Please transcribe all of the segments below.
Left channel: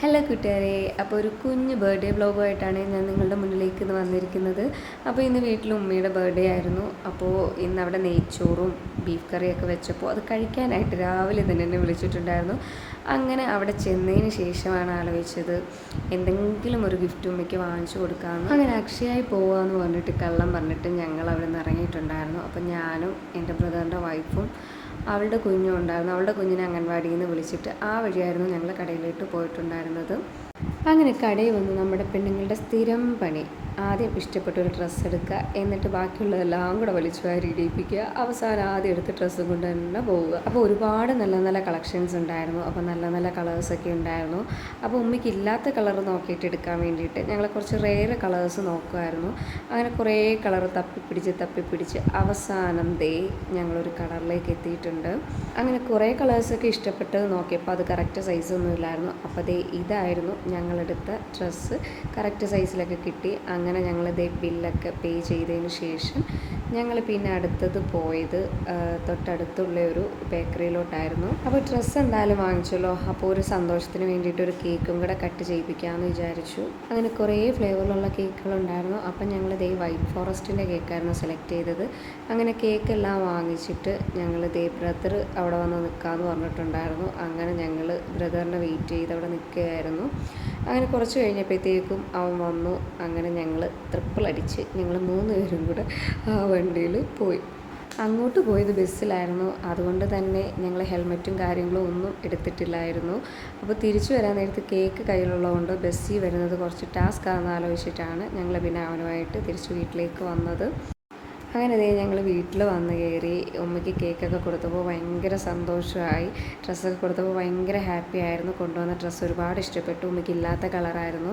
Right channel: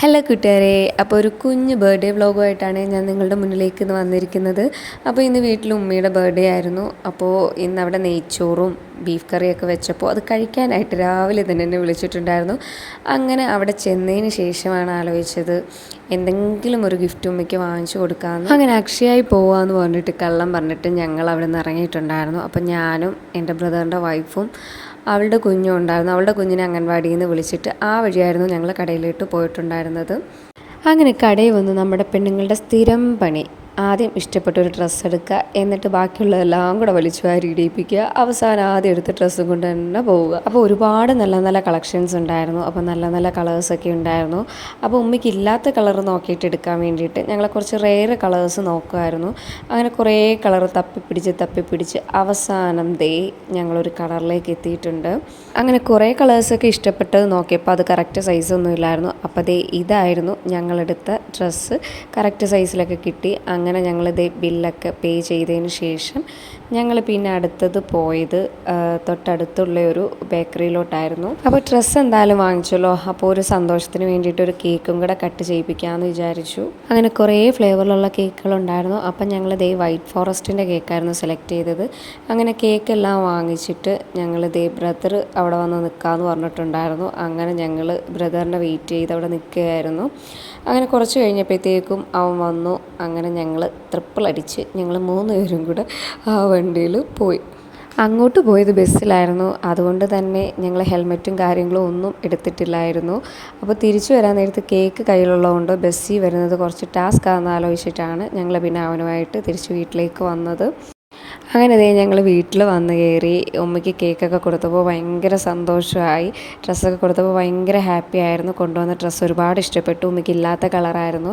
Hello കൂട്ടുകാരെ, അപ്പോൾ ഒരു കുഞ്ഞ് ബർത്ത്ഡേ വ്ളോഗുമായിട്ടാണ് ഞാൻ നിങ്ങളുടെ മുന്നിലേക്ക് ഇന്ന് വന്നിരിക്കുന്നത്. അപ്പോൾ ഇന്ന് വീട്ടിൽ ഉമ്മയുടെ ബർത്ത്ഡേ ആയിരുന്നു. അപ്പോൾ ഇന്ന് അവിടെ നെയ്ച്ചോറും ബീഫ് കറിയൊക്കെ വെച്ചപ്പോൾ അത് കഴിക്കാനായിട്ട് രാവിലെ തന്നെ എന്നെ വിളിച്ചിട്ടുണ്ടായിരുന്നു. അങ്ങനെ അവിടെ ചെന്നതിന് ശേഷമാണ് ആലോചിച്ചത് എന്തെങ്കിലും ഒരു ഗിഫ്റ്റ് ഉമ്മയ്ക്ക് വാങ്ങിച്ചു കൊടുക്കാമെന്ന്. അങ്ങനെ അക്ഷയായി പോകാമെന്ന് പറഞ്ഞിട്ട് കള്ളം പറഞ്ഞിട്ട് ഞങ്ങൾ അവിടെ നിന്ന് ഇറങ്ങിയിട്ടുണ്ടായിരുന്നു. അപ്പോൾ ഞാനും എൻ്റെ ബ്രദറിൻ്റെ വൈഫും അവളുടെ കുഞ്ഞും ഉണ്ടായിരുന്നു. അവളുടെ കുഞ്ഞിനെ അംഗൻവാടിയിൽ നിന്ന് വിളിച്ചിട്ട് ആ വഴിയായിരുന്നു ഞങ്ങൾ കടയിലോട്ട് പോയിട്ടുണ്ടായിരുന്നത്. അങ്ങനെ കടയിൽ വന്ന് നമ്മുടെ പെണ്ണുങ്ങളുടെ സ്ഥിരം പണി ആദ്യം ഇഷ്ടപ്പെട്ട ഒരു ഡ്രസ്സ് എടുക്കുക, എന്നിട്ട് ബാക്കിയുള്ളതെല്ലാം കൂടെ വലിച്ചു വാരി ഇടിയിപ്പിക്കുക, അവസാനം ആദ്യം എടുത്ത് ഡ്രസ്സും കൊണ്ട് തന്നെ പോവുക. അപ്പോൾ ഒരുപാട് നല്ല നല്ല കളക്ഷൻസ് ഉണ്ടായിരുന്നു. അപ്പോൾ നല്ല നല്ല കളേഴ്സൊക്കെ ഉണ്ടായിരുന്നു. അപ്പോൾ ഉമ്മയ്ക്ക് ഇല്ലാത്ത കളർ നോക്കിയിട്ട് എടുക്കാൻ വേണ്ടിയിട്ട് ഞങ്ങൾ കുറച്ച് റെയർ കളേഴ്സ് നോക്കുമായിരുന്നു. അങ്ങനെ കുറേ കളർ തപ്പിപ്പിടിച്ച് അവസാനം ഞങ്ങളൊരു കളറിലേക്ക് എത്തിയിട്ടുണ്ട്. അങ്ങനെ കുറേ കളേഴ്സൊക്കെ ഇഷ്ടപ്പെട്ടത് നോക്കിയപ്പോൾ അത് കറക്റ്റ് സൈസൊന്നും ഇല്ലായിരുന്നു. അപ്പോൾ ഇതായിരുന്നു ഞങ്ങളെടുത്ത ഡ്രസ്സ്. കറക്റ്റ് സൈസിലൊക്കെ കിട്ടി. അങ്ങനെ ഞങ്ങൾ ബില്ലൊക്കെ പേ ചെയ്തതിന് ശേഷം ഞങ്ങൾ പിന്നെ അടുത്തത് പോയത് തൊട്ടടുത്തുള്ള ഒരു ബേക്കറിയിലോട്ടായിരുന്നു. അപ്പോൾ ഡ്രസ്സ് എന്തായാലും വാങ്ങിച്ചല്ലോ, അപ്പോൾ ഒരു സന്തോഷത്തിന് വേണ്ടിയിട്ട് ഒരു കേക്കും കൂടെ കട്ട് ചെയ്യിപ്പിക്കാമെന്ന് വിചാരിച്ചു. അങ്ങനെ കുറേ ഫ്ലേവറിലുള്ള കേക്കുകളുണ്ടായിരുന്നു. അപ്പം ഞങ്ങൾ വൈറ്റ് ഫോറസ്റ്റിൻ്റെ കേക്കായിരുന്നു സെലക്ട് ചെയ്തത്. അങ്ങനെ കേക്കെല്ലാം വാങ്ങിച്ചിട്ട് ഞങ്ങൾ ബ്രദർ അവിടെ വന്ന് നിൽക്കാമെന്ന് പറഞ്ഞിട്ടുണ്ടായിരുന്നു. അങ്ങനെ ഞങ്ങൾ ബ്രദറിനെ വെയിറ്റ് ചെയ്ത് അവിടെ നിൽക്കുകയായിരുന്നു. അങ്ങനെ കുറച്ച് കഴിഞ്ഞപ്പോഴത്തേക്കും അവൻ വന്നു. അങ്ങനെ ഞങ്ങൾ ട്രിപ്പിൾ അടിച്ച് ഞങ്ങൾ 3 പേരും കൂടെ ആ വണ്ടിയിൽ പോയി. അങ്ങോട്ട് പോയത് ബസ്സിലായിരുന്നു. അതുകൊണ്ട് തന്നെ ഞങ്ങൾ ഹെൽമെറ്റും കാര്യങ്ങളും ഒന്നും എടുത്തിട്ടില്ലായിരുന്നു. അപ്പോൾ തിരിച്ചു വരാൻ നേരത്ത് കേക്ക് കയ്യിലുള്ളതുകൊണ്ട് ബസ്സിൽ വരുന്നത് കുറച്ച് ടാസ്ക് ആണെന്ന് ആലോചിച്ചിട്ടാണ് ഞങ്ങൾ പിന്നെ അവനുമായിട്ട് തിരിച്ച് വീട്ടിലേക്ക് വന്നത്. അങ്ങനെ ഞങ്ങൾ വീട്ടിൽ വന്ന് കയറി. ഉമ്മയ്ക്ക് കേക്കൊക്കെ കൊടുത്തപ്പോൾ ഭയങ്കര സന്തോഷമായി. ഡ്രസ്സൊക്കെ കൊടുത്തപ്പോൾ ഭയങ്കര ഹാപ്പി ആയിരുന്നു. കൊണ്ടുവന്ന ഡ്രസ്സ് ഒരുപാട് ഇഷ്ടപ്പെട്ടു. ഉമ്മയ്ക്ക് ഇല്ലാത്ത കളറായിരുന്നു.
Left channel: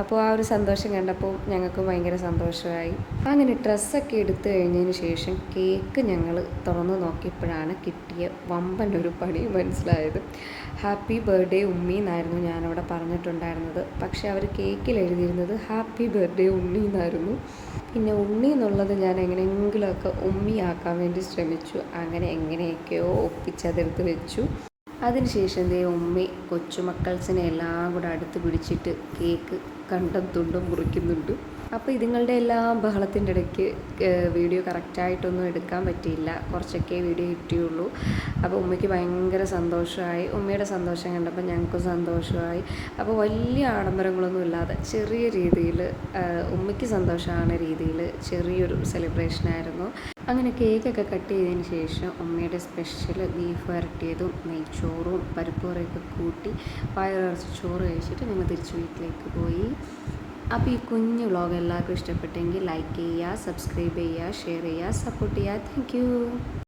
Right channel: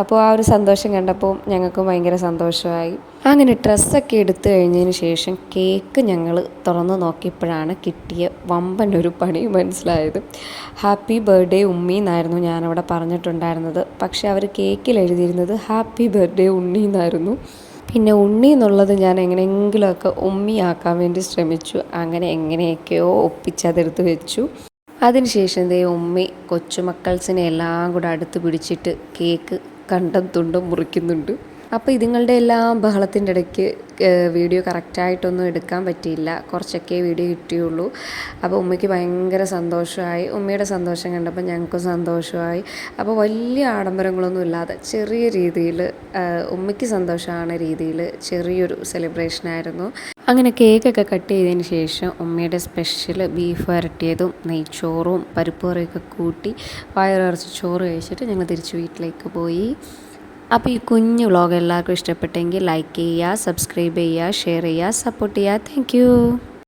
അപ്പോൾ ആ ഒരു സന്തോഷം കണ്ടപ്പോൾ ഞങ്ങൾക്കും ഭയങ്കര സന്തോഷമായി. അങ്ങനെ ഡ്രസ്സൊക്കെ എടുത്തു കഴിഞ്ഞതിന് ശേഷം കേക്ക് ഞങ്ങൾ തുറന്ന് നോക്കിയപ്പോഴാണ് കിട്ടിയ വമ്പൻ ഒരു പണി മനസ്സിലായത്. ഹാപ്പി ബർത്ത്ഡേ ഉമ്മി എന്നായിരുന്നു ഞാനവിടെ പറഞ്ഞിട്ടുണ്ടായിരുന്നത്. പക്ഷേ അവർ കേക്കിൽ എഴുതിയിരുന്നത് ഹാപ്പി ബർത്ത്ഡേ ഉണ്ണി എന്നായിരുന്നു. പിന്നെ ഉണ്ണി എന്നുള്ളത് ഞാൻ എങ്ങനെയെങ്കിലുമൊക്കെ ഉമ്മിയാക്കാൻ വേണ്ടി ശ്രമിച്ചു. അങ്ങനെ എങ്ങനെയൊക്കെയോ ഒപ്പിച്ചതെടുത്ത് വെച്ചു. അതിനുശേഷം ഉമ്മി കൊച്ചുമക്കൾസിനെ എല്ലാം കൂടെ അടുത്ത് പിടിച്ചിട്ട് കേക്ക് കണ്ടം തുണ്ടും മുറിക്കുന്നുണ്ട്. അപ്പോൾ ഇതുങ്ങളുടെ എല്ലാം ബഹളത്തിൻ്റെ ഇടയ്ക്ക് വീഡിയോ കറക്റ്റായിട്ടൊന്നും എടുക്കാൻ പറ്റിയില്ല. കുറച്ചൊക്കെ വീഡിയോ കിട്ടിയുള്ളൂ. അപ്പോൾ ഉമ്മയ്ക്ക് ഭയങ്കര സന്തോഷമായി. ഉമ്മയുടെ സന്തോഷം കണ്ടപ്പോൾ ഞങ്ങൾക്കും സന്തോഷമായി. അപ്പോൾ വലിയ ആഡംബരങ്ങളൊന്നും ഇല്ലാതെ ചെറിയ രീതിയിൽ ഉമ്മയ്ക്ക് സന്തോഷமான രീതിയിൽ ചെറിയൊരു സെലിബ്രേഷനായിരുന്നു. അങ്ങനെ കേക്കൊക്കെ കട്ട് ചെയ്തതിന് ശേഷം ഉമ്മയുടെ സ്പെഷ്യൽ ബീഫ് വരട്ടിയതും നെയ്ച്ചോറും പരിപ്പ് കറിയൊക്കെ കൂട്ടി വയറിറച്ച് ചോറ് കഴിച്ചിട്ട് ഞങ്ങൾ തിരിച്ച് വീട്ടിലേക്ക് പോയി. അപ്പോൾ ഈ കുഞ്ഞു വ്ളോഗ് എല്ലാവർക്കും ഇഷ്ടപ്പെട്ടെങ്കിൽ ലൈക്ക് ചെയ്യുക, സബ്സ്ക്രൈബ് ചെയ്യുക, ഷെയർ ചെയ്യുക, സപ്പോർട്ട് ചെയ്യുക. താങ്ക്